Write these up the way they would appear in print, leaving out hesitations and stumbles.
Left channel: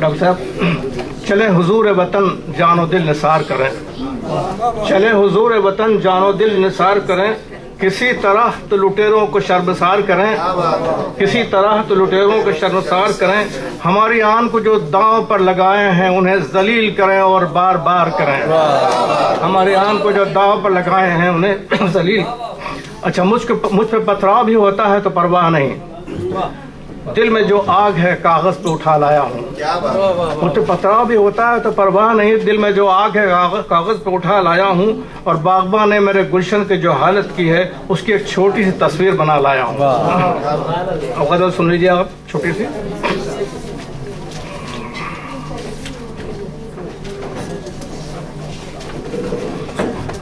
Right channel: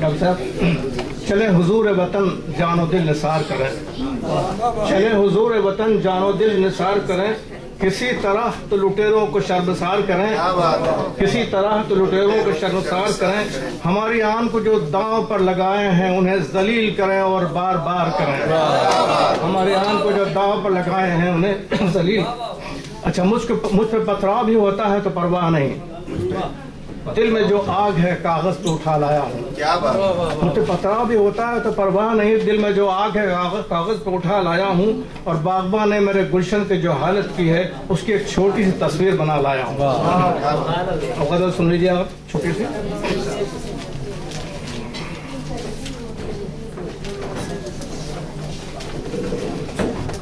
Doctor صاحب چلے حضور وطن جان و دل نثار کریں، چلے حضور وطن جان و دل نثار کریں، کسی طرح تو لٹیروں کو شرمسار کریں، کسی طرح تو لٹیروں کو شرمسار کریں، ہماری آن کو جو داؤں پر لگائے ہیں انہیں ذلیل کریں اور بار بار کریں، ہماری آن کو جو داؤں پر لگائے ہیں انہیں ذلیل۔ اچھا مجھ پہ پتھراؤ بھی ہوتا ہے تو پرواہ نہیں، دل میں جو آگ ہے کاغذ پہ اٹھا لایا ہوں، مجھ پہ پتھراؤ بھی ہوتا ہے تو پرواہ نہیں، دل میں جو آگ ہے کاغذ پہ اٹھا لایا ہوں، اور باغباں نے میرے گلشن کی جو حالت کی ہے اس کی ایک چھوٹی سی تصویر بنا لایا ہوں۔ اب غزل سن لیجیے آپ چھوٹی سی۔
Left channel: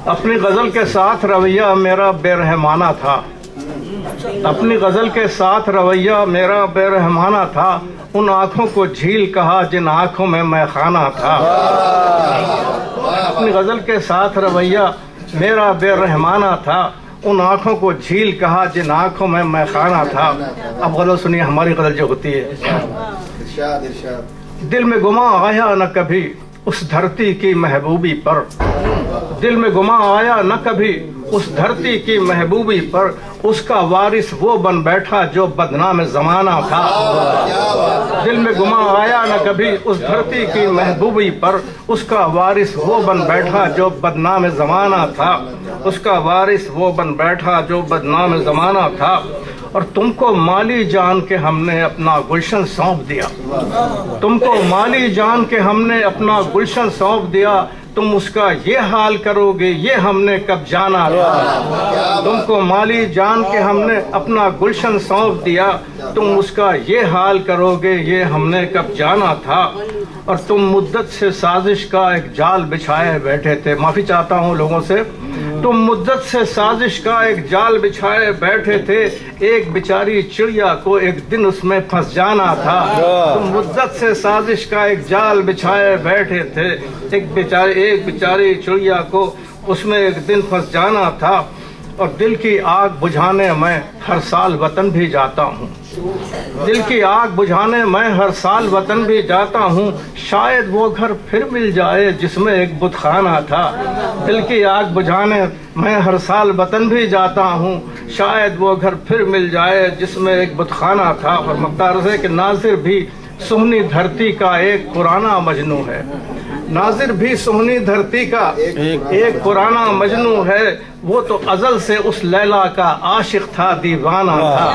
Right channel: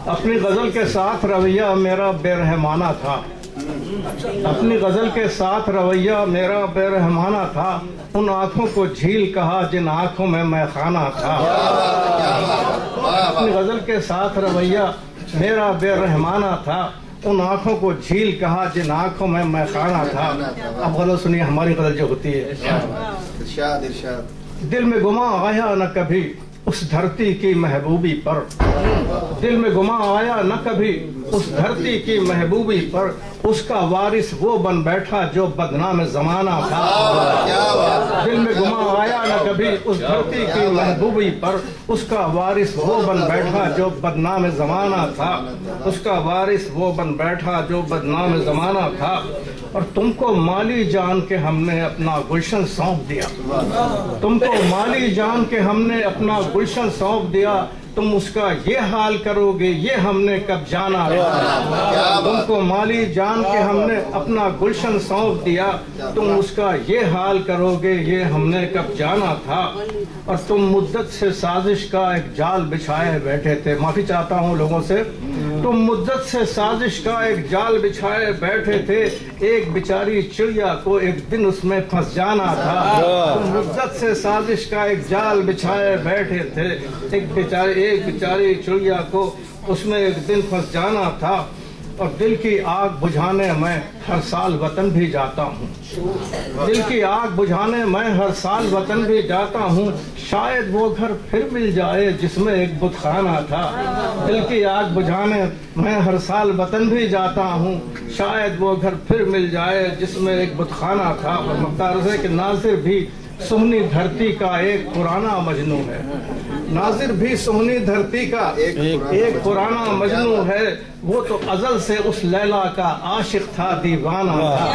اپنی غزل کے ساتھ رویہ میرا بے رحمانہ تھا، اپنی غزل کے ساتھ رویہ میرا بے رحمانہ تھا، ان آنکھوں کو جھیل کہا جن آنکھوں میں خانہ تھا، اپنی غزل کے ساتھ رویہ میرا بے رحمانہ تھا، ان آنکھوں کو جھیل کہا جن آنکھوں میں خانہ تھا۔ اب غزل سنیے ہماری غزل جو ہوتی ہے۔ دل میں گماں آیا نہ کبھی اس دھرتی کی محبوبی پر، دل میں گماں آیا نہ کبھی اس دھرتی کی محبوبی پر، اس کا وارث وہ بن بیٹھا جو بدنام زمانہ تھا، دل میں گماں آیا نہ کبھی اس دھرتی کی محبوبی پر، اس کا وارث وہ بن بیٹھا جو بدنام زمانہ تھا، اس کا وارث وہ بن بیٹھا جو بدنام زمانہ تھا، اور تم کو مالی جان کے ہم نے اپنا گلشن سونپ دیا، تم کو مالی جان کے ہم نے اپنا گلشن سونپ دیا، تم اس کا یہ حال کرو گے یہ ہم نے کب جانا تھا، تم کو مالی جان کے ہم نے اپنا گلشن سونپ دیا، تم اس کا یہ حال کرو گے یہ ہم نے کب جانا تھا، اور تم مدت سے سازش کا ایک جال بچھائے بیٹھے تھے۔ معافی چاہتا ہوں لوگوں سے، تم مدت سے سازش کا ایک جال بچھائے بیٹھے تھے، ایک بیچاری چڑیا کو ایک دن اس میں پھنس جانا تھا، تم مدت سے سازش کا ایک جال بچھائے بیٹھے تھے، ایک بیچاری چڑیا کو اس میں ایک دن پھنس جانا تھا، اور دل کی آگ بجھانے میں ہر سال وطن بھی جاتا ہوں، دل کی آگ بجھانے میں ہر سال وطن بھی جاتا ہوں، شاید وہ گھر پھر مل جائے جس میں ایک بت خانہ تھا، دل کی آگ بجھانے میں ہر سال وطن بھی جاتا ہوں، شاید وہ گھر پھر مل جائے جس میں ایک بت خانہ تھا۔ اور مختار ہے کہ ناظر بھی سہنی دھرتی کا ایک پرانا مجنوں ہے، ناظر بھی سہنی دھرتی کا ایک پرانا مجنوں ہے، وہ تو ازل سے اس لیلا کا عاشق تھا دیوانہ تھا۔